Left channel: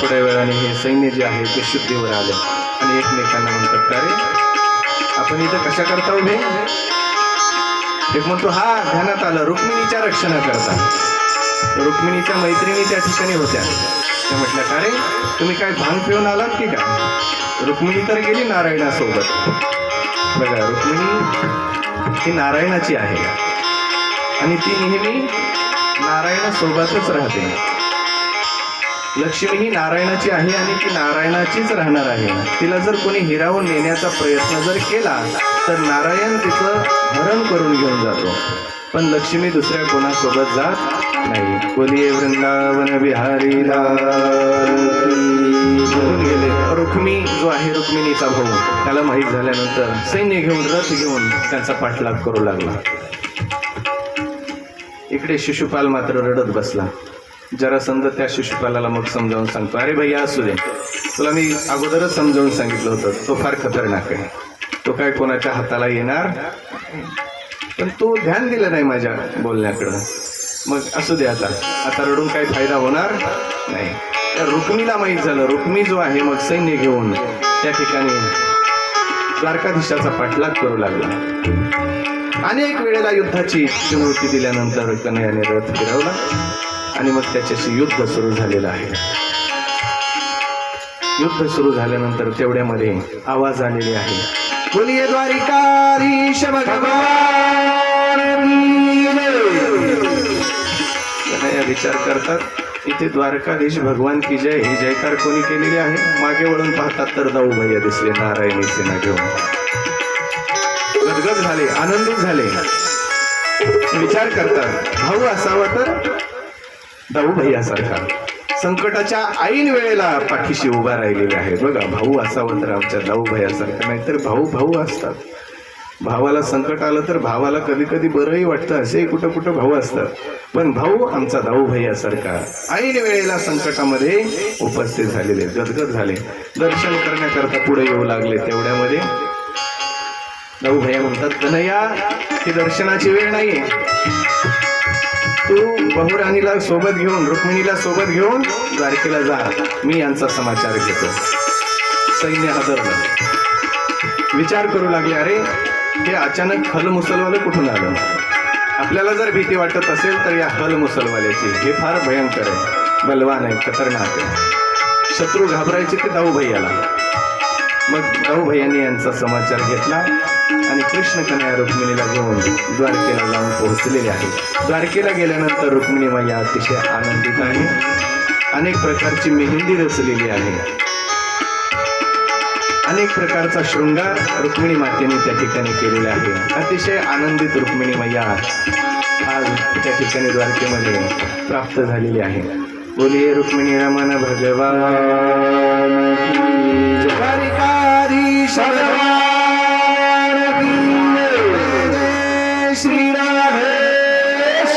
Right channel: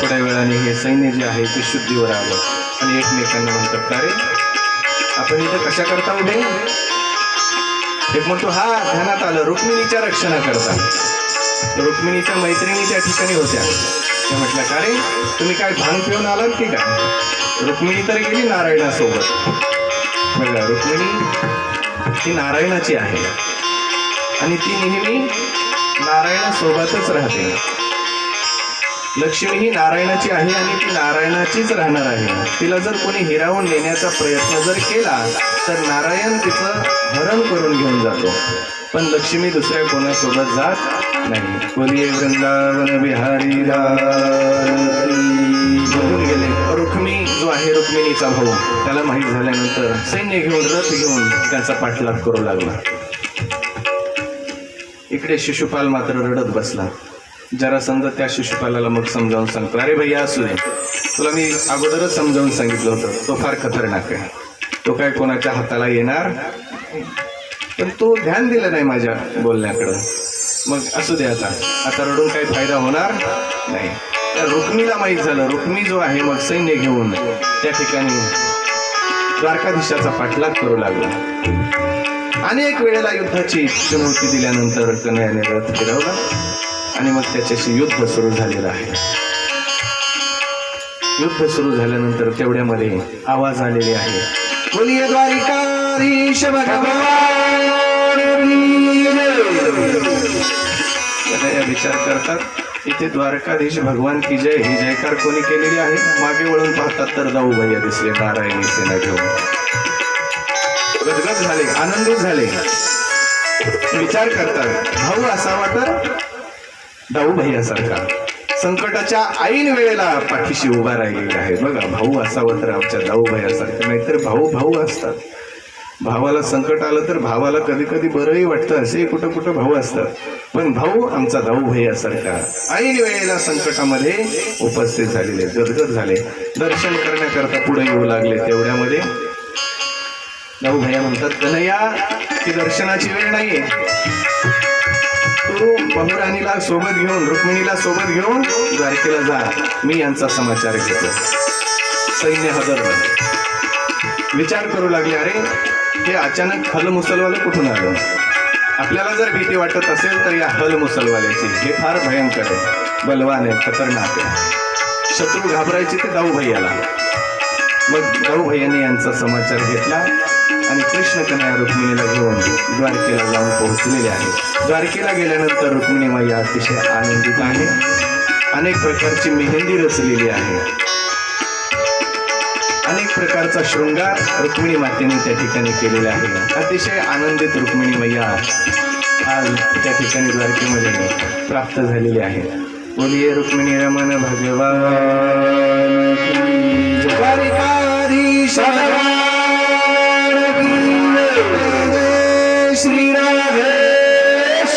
थोड्या वेळाने हे सैन्य जे आहे ते शुद्धीवर आलं आणि एकमेकांना म्हणतात का रे? आपण इथं कशा करता उभे? एक म्हणतो हा ध्यानात आलं. रुक्मिणीच्या रक्षणा करता. रुक्मिणीच्या मैत्रिणी त्या ठिकाणी होत्या. त्या म्हटल्या का रे? तुम्ही काय भांग पिऊन आलात की काय? रुक्मिणी तर गेली नारायणासोबत. बघा रुक्मिणी ही नारायणाची आहे. आणि ती नेहमी नारायणासोबतच राहते. लक्ष्मी ही नारायणाची आहे आणि ती नारायणाचीच राहणार आहे. तिला जर कोणी हिरावून नेण्याचा प्रयत्न जर केला तर नारायण तिचं हरण करून घेऊन जातो. पण लक्ष्मी दुसऱ्या कोणासोबत जात नाही. बोलिये वृंदावन बिहारी गेले रुक्मी जो आहे रुक्मिणीचा भाऊ त्याला माहीत झाल्यानंतर सैन्य घेऊन रथ घेऊन त्याचा पाठलाग करू लागला. इकडे शिशुपाल मात्र रडत बसला. जरा समजा त्या शिशुपालाला मग समजावून सांगतो. अरे भैया असू दे. तुला मी अगोदरच समजावून सांगितलं होतं. तो फार खतरनाक आहे. तो काय कोणाच्या हाताला येणार? पण तो ध्यान दिलं नाही माझ्या बोलण्याकडं. मग असू दे आता. आता रडून काही फायदा होणार नाही. त्या रुक्मीला माहीत झालं. रुक्मी जो आहे मग सैन्य घेऊन त्या ठिकाणी द्वारकाधीशाचा पाठलाग करू लागला. अनेक वेळेला युद्धाची चुनौती दिल्यानंतर कन्हयाने रथ फिरवला. आणि मग त्याच्याशी युद्ध सुरू झालेलं आहे. युद्ध सुरू झाल्यानंतर तेवढ्यामध्ये आवाज आलेले आहे. बोलिये द्वारिकाधीश विचार करतात इथे द्वारकाधीश भगवान की जय ही जयकार कोणी केलेली आहे? मागे वळून पाहतात तर दाऊ भैया दिसले नारायणी सेना घेऊन. गदगद झाले आनंदित झाले. विचार करतात भाऊ असावा तर? भाऊ भैयासारखा संकटाच्या ऐन वेळेला पाठीशी उभा राहिलेला आहे बघा भाऊ असावा तर आमच्या दाऊ भैयासारखा नाहीतर भाऊ भाऊ असतात. भावाला संकट आलं तर भावाला कधी कधी बरंही वाटतं. असे कुठं कुठं भाऊ असतात. पण भाऊ आमचा दाऊ भैयासारखा ऐन वेळेला संकटामध्ये उपस्थित झालेले गदगद झाले. दर्शन करण्याकरता पुढे येऊ लागले तेवढ्यामध्ये. दाऊ भैया म्हणतात कन्हैया ही दर्शनाची वेळ नाहीये. तू बहुराणीला सोबत घेऊन रुक्मिणीला सोबत घेऊन द्वारकेला जा. मी यांचा समाचार घेतो. सैन्य हजर विचार करू लागले अरे हे अचानक हल मुसलवाले कुठून आलं? आपल्याला जर भीती वाटत असेल तर या हल मुसलवाल्याची. हे फार भयंकर आहे. बलवान आहे खतरनाक आहे. शत्रू घाबरायचे ते दाऊ भैयाला. मग दाऊ भैयांनी यांचा समाचार घेतला. आणि कृष्ण कन्या रुक्मिणीला घेऊन द्वारकेला जाऊन पोहोचलेले आहे द्वारकेला गेल्यानंतर रुक्मिणी मैया अतिशय आनंदित आहे अनेक प्रकारची मेहंदी रचलेली आहे अनेक प्रकारचा शृंगार रुक्मिणी मातेने त्या ठिकाणी केलेला आहे अतिशय आनंदित रुक्मिणी मैया आज त्या ठिकाणी द्वारकेमध्ये प्राप्त झालेली आहे बोलिये रुक्मिणी रमण भगवान भगवान श्रीराधेश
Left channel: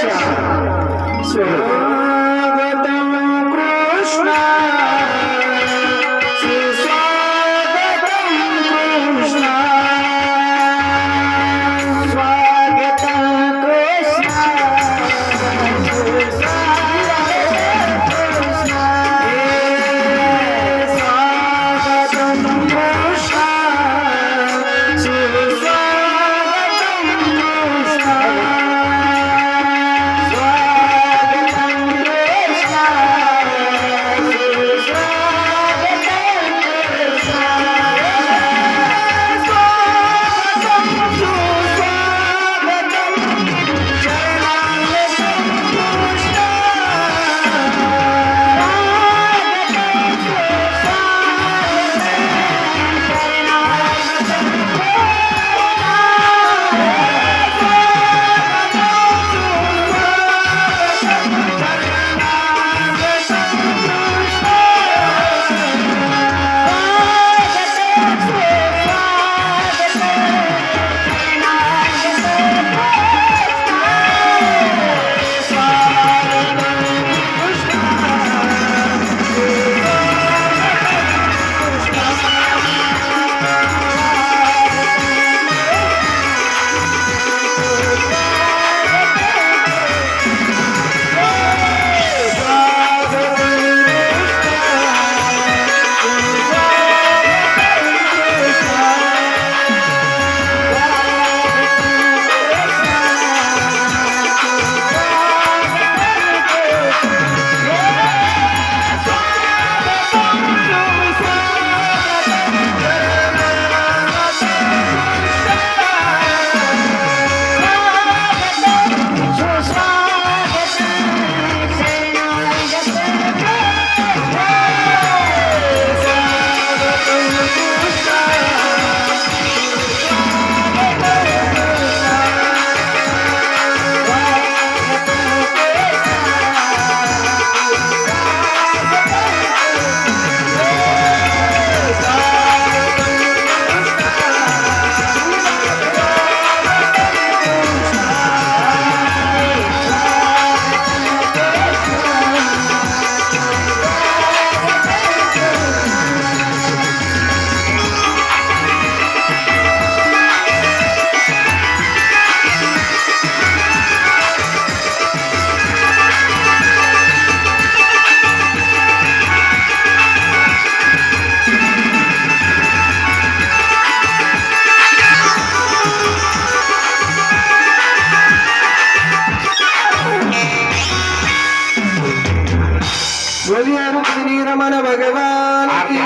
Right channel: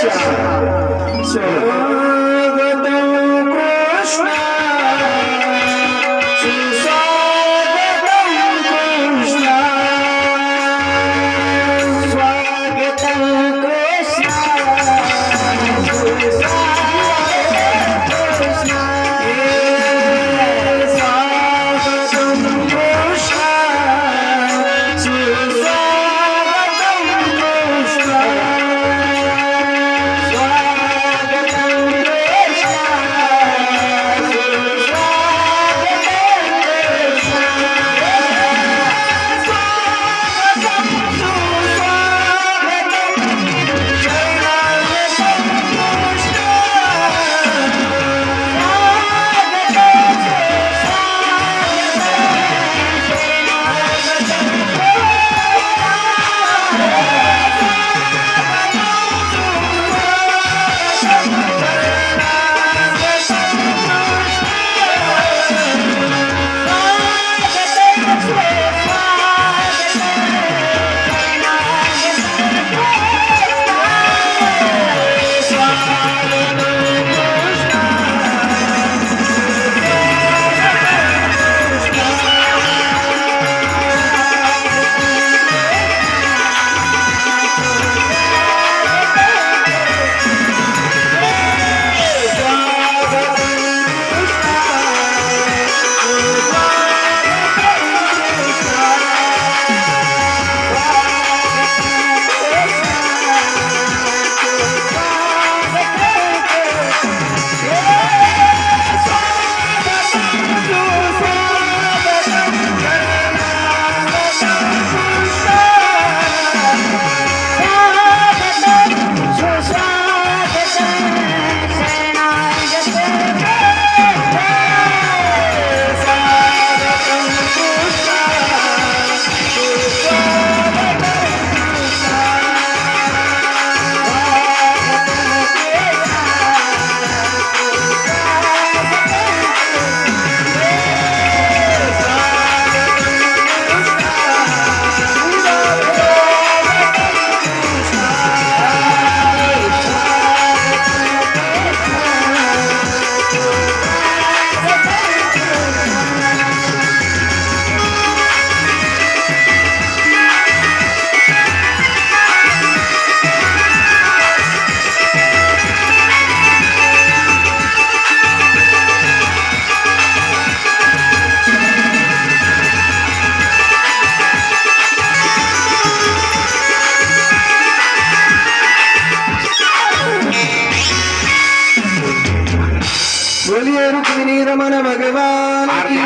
रमण भगवान की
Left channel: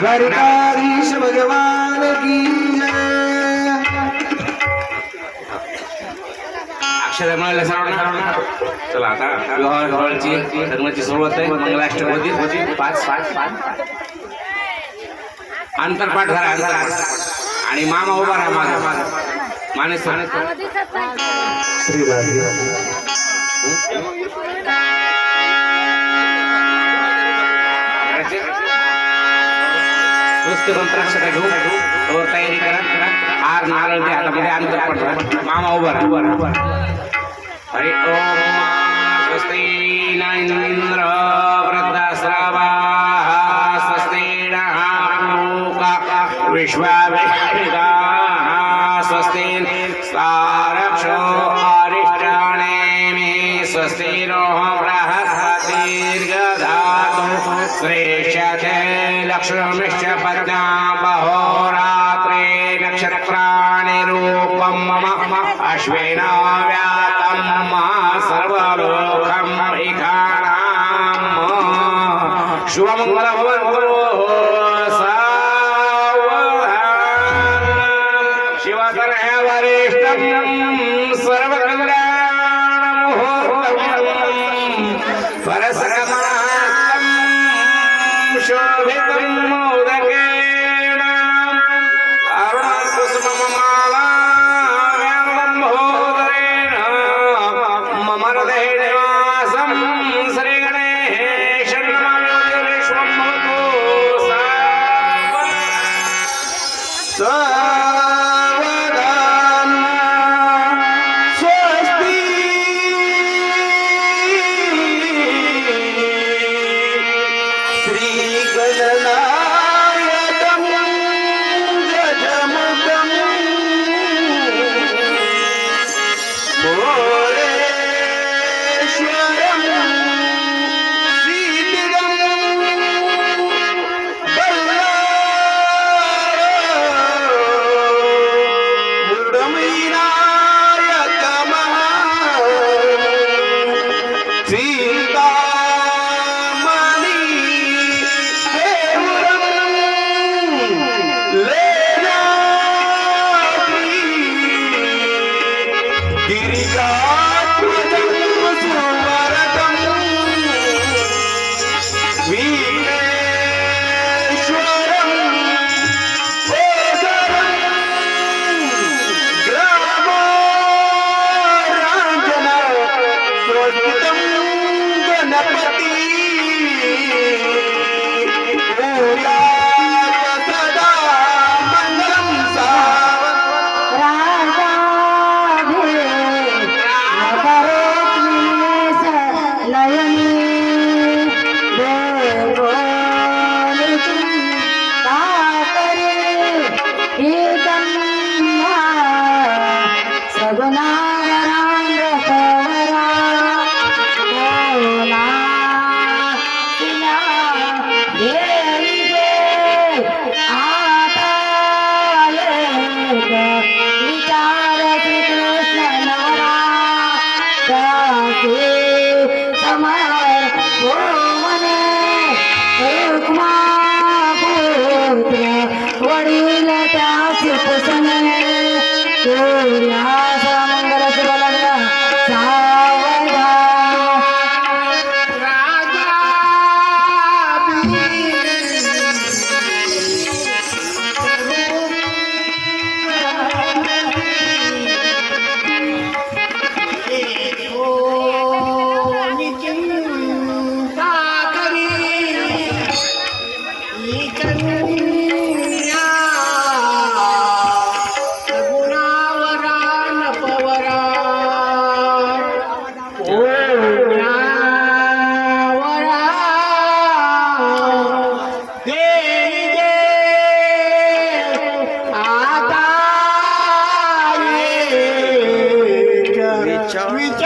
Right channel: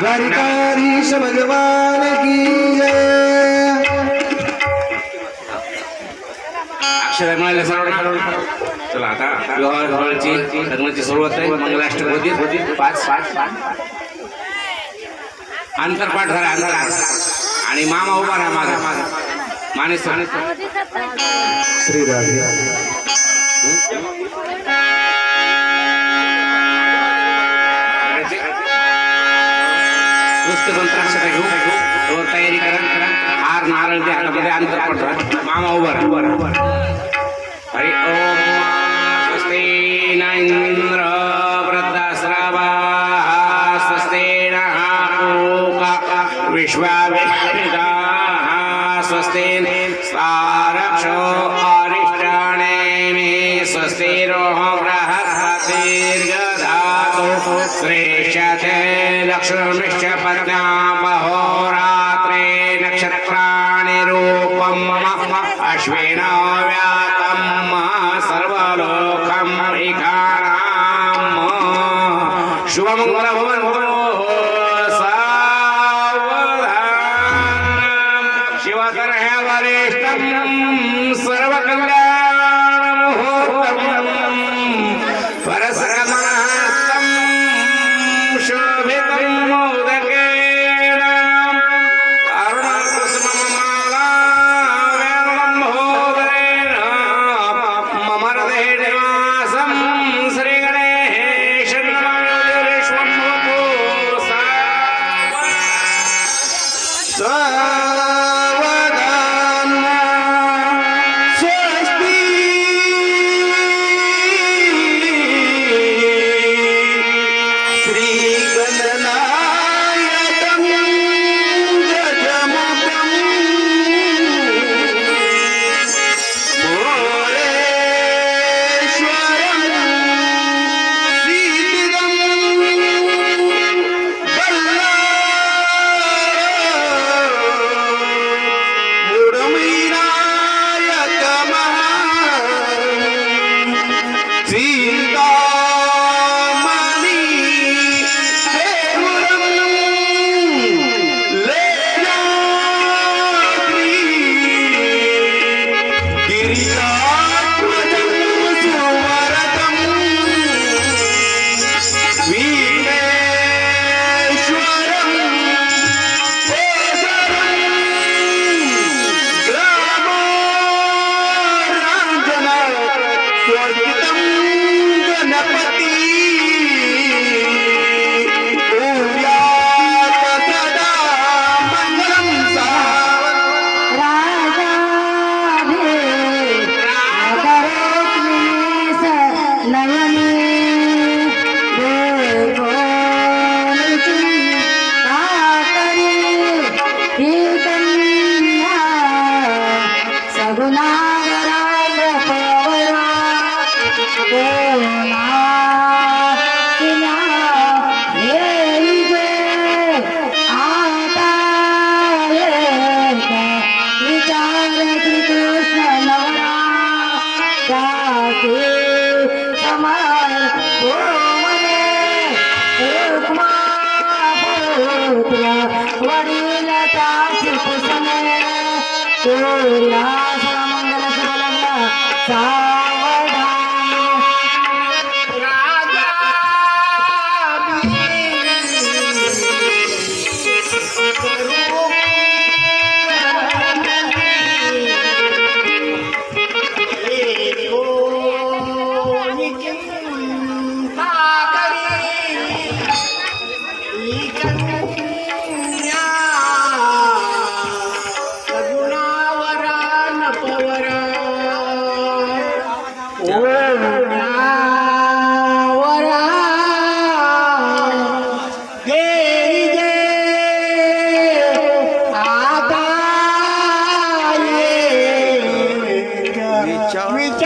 द्वारिकाधीश भगवान की जय। अक्षर मिळाले सर्व चला आता लग्नाची सुरुवात आहे. मंगलाष्टक होती पाच. पाच पाच अंतरपाठ झाला अंतरपाठ आणि मामा उभा राहा माझा मानेस श्री राधे नुसते मंत्र अक्षर घेऊ. वर तयारी करा. करा हार नारळ द्या. हातामध्ये अंतरपाठ झाला. मामा उभा para esa cámara. Yeah. विचार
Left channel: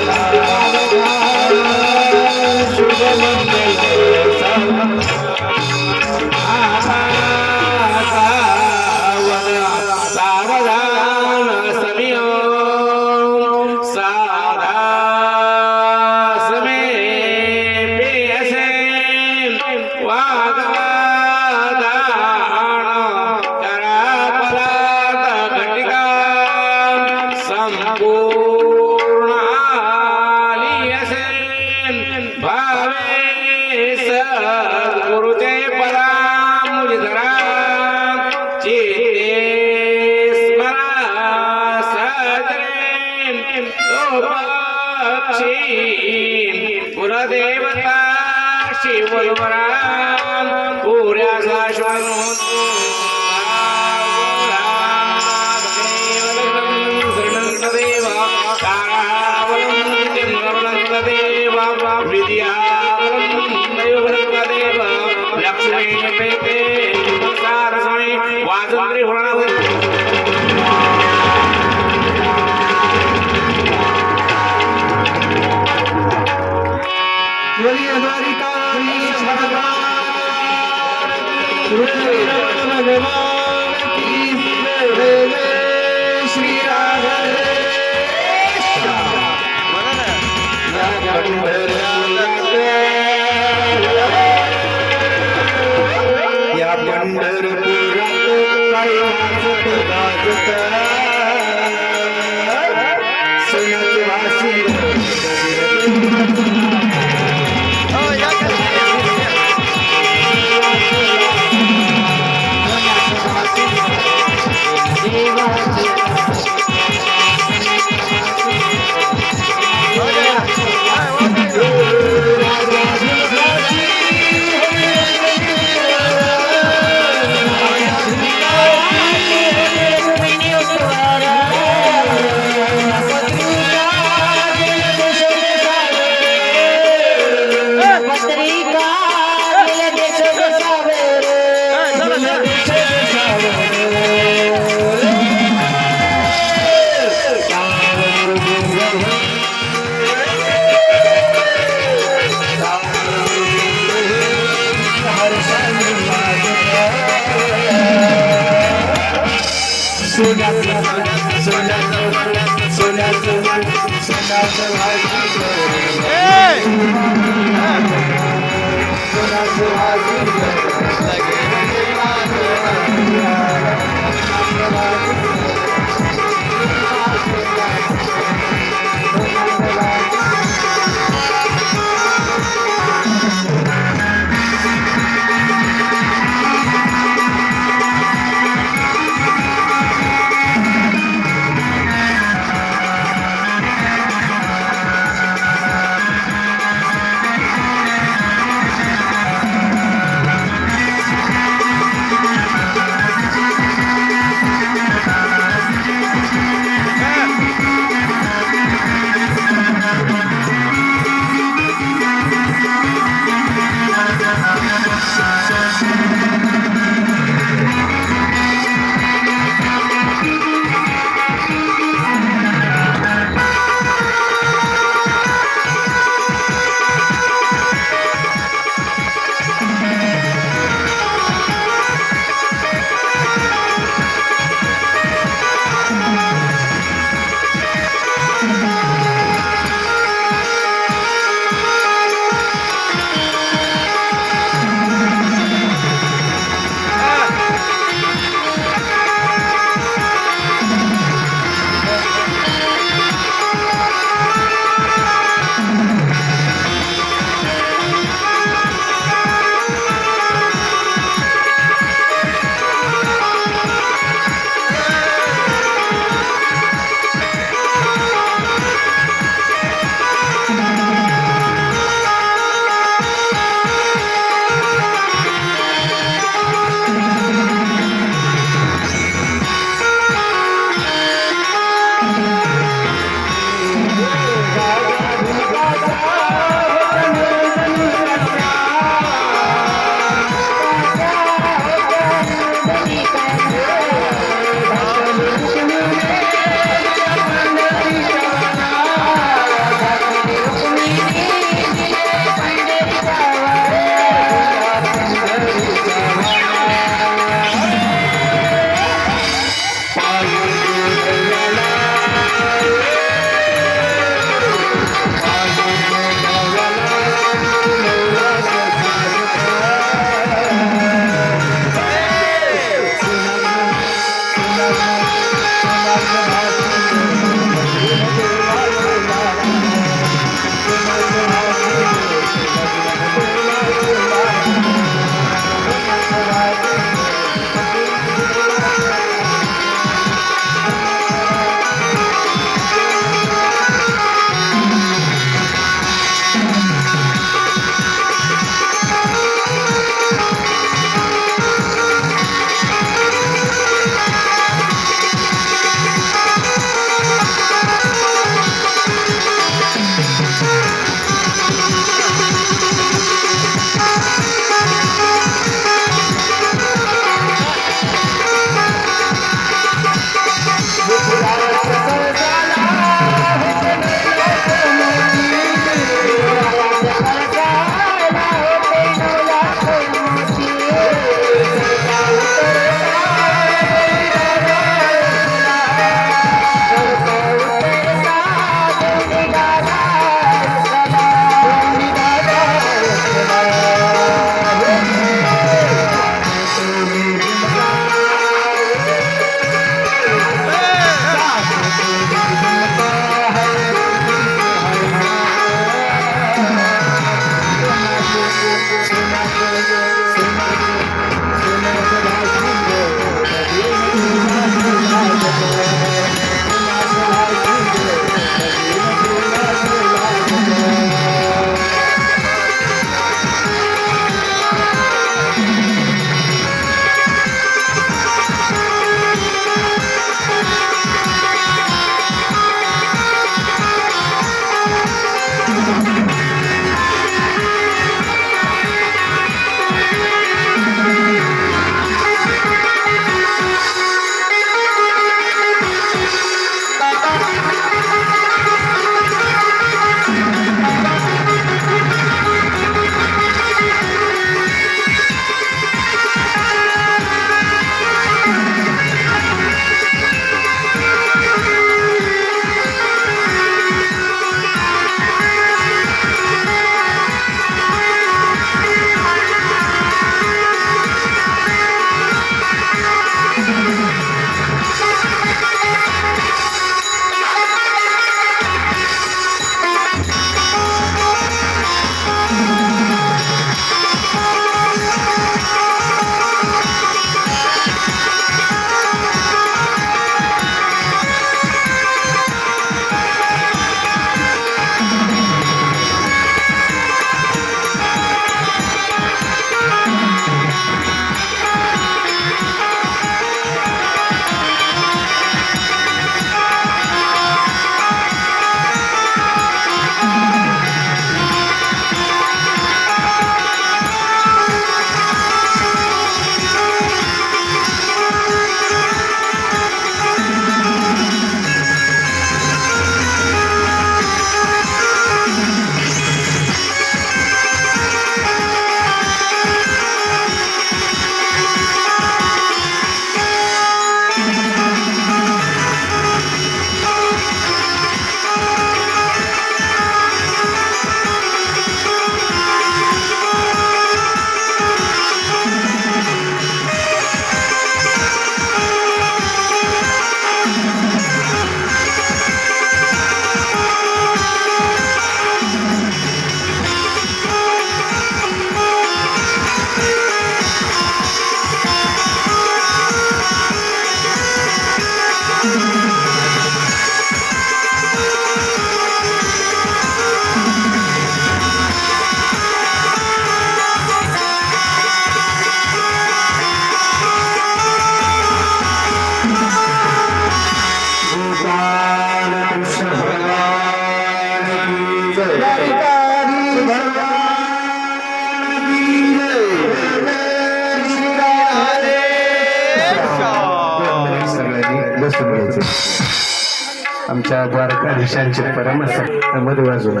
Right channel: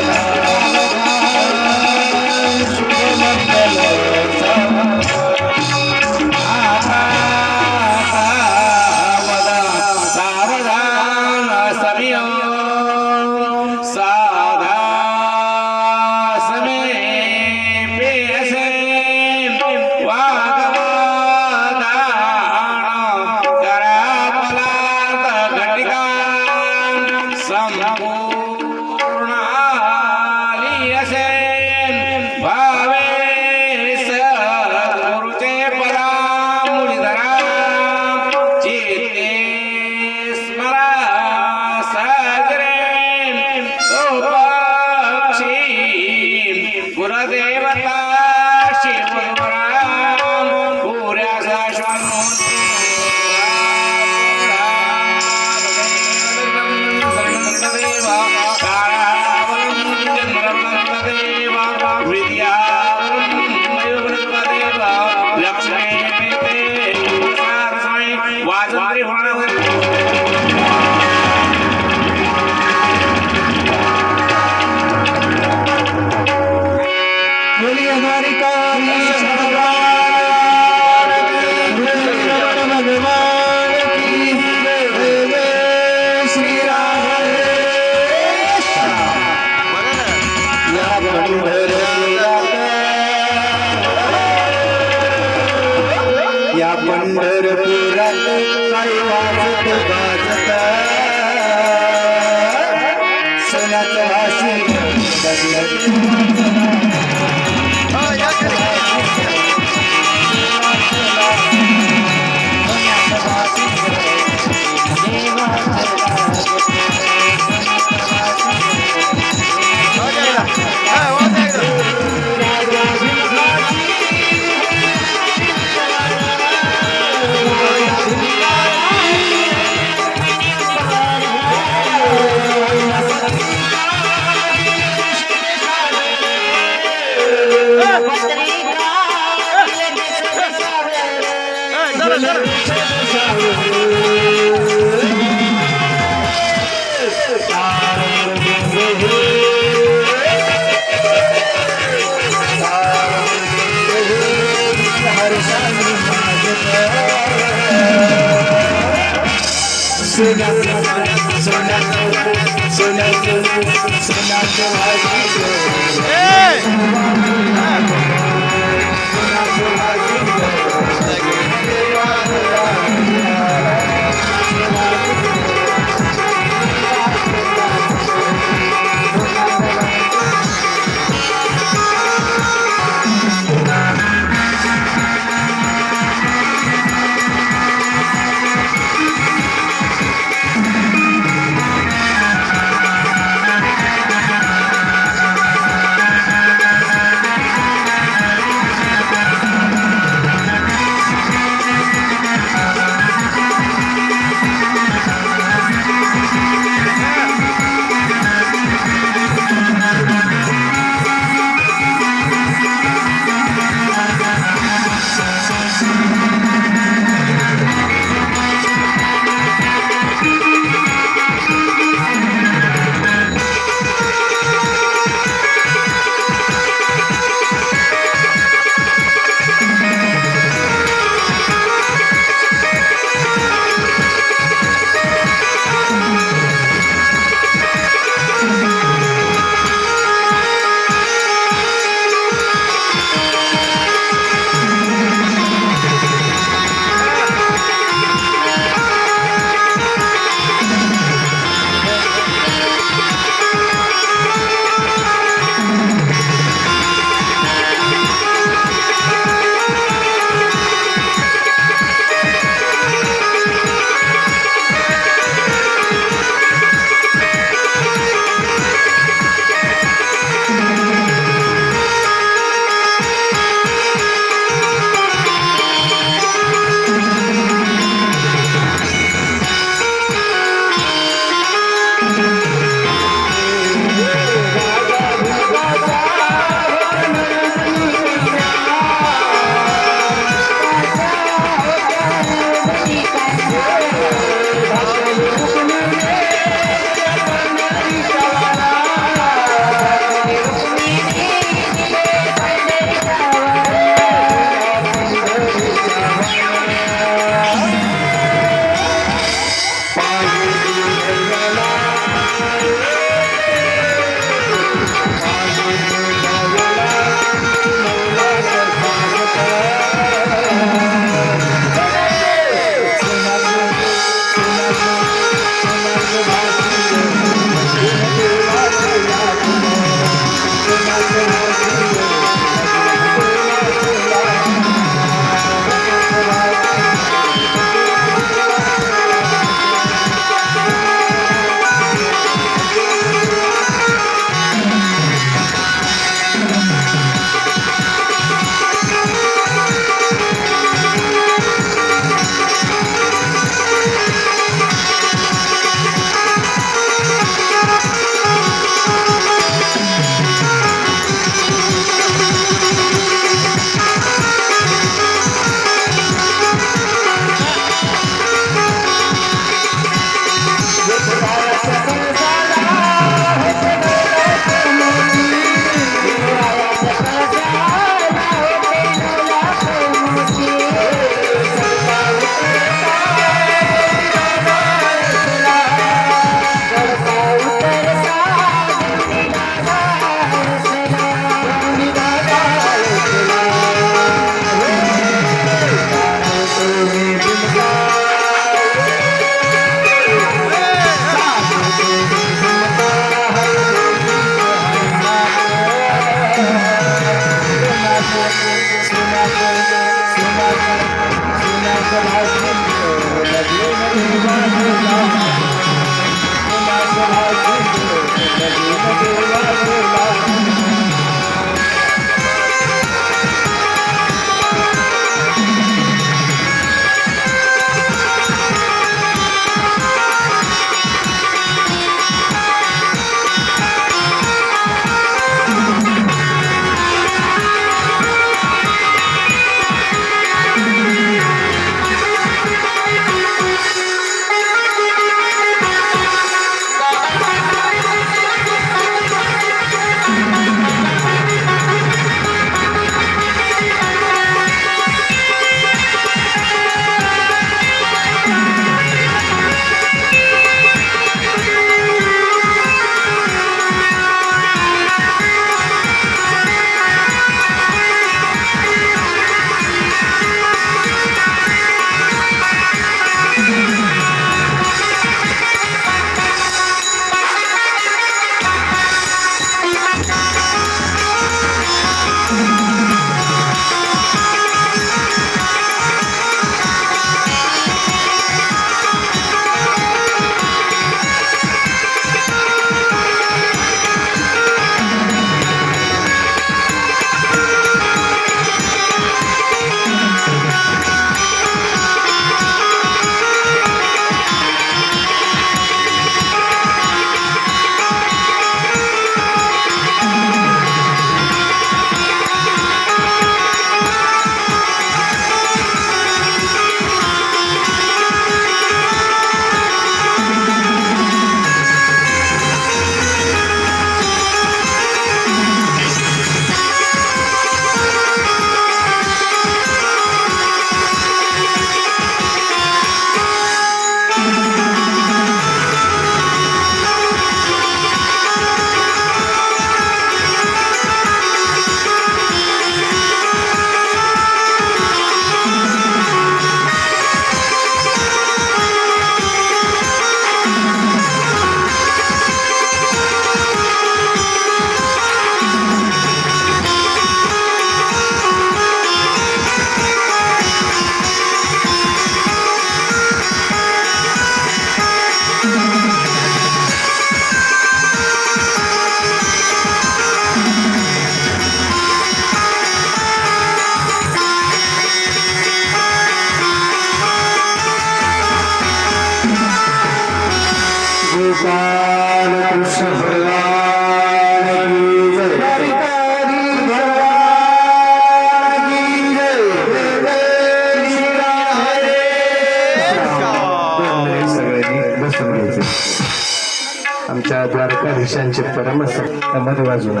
द्वारकाधीशांचे परमसमध्ये बाजूला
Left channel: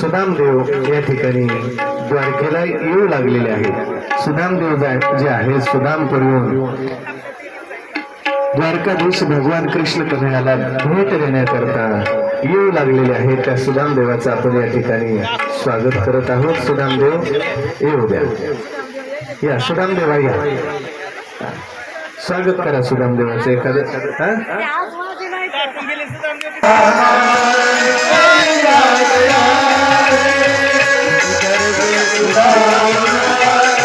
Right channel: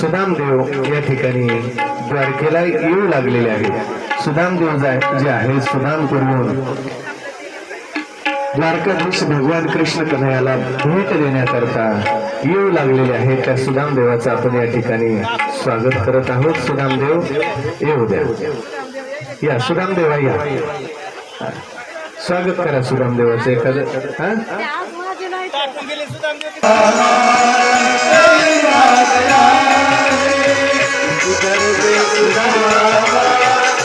सुदामदेव या ठिकाणी द्वारकेला येऊ लागलेले आहेत. सुदामदेव जा- जे आहे सुदाम करून द्वारकाधीश भगवान कृष्ण कन्हैयाला भेट देण्याकरता येऊ लागलेले आहेत. त्या सुदामदेवाचं आपण या ठिकाणी स्वागत करत आहोत. सुदामदेव येऊ द्या. या सुदामदेवा या. स्वागत करा सुदामदेवाचं एखादं हा Thank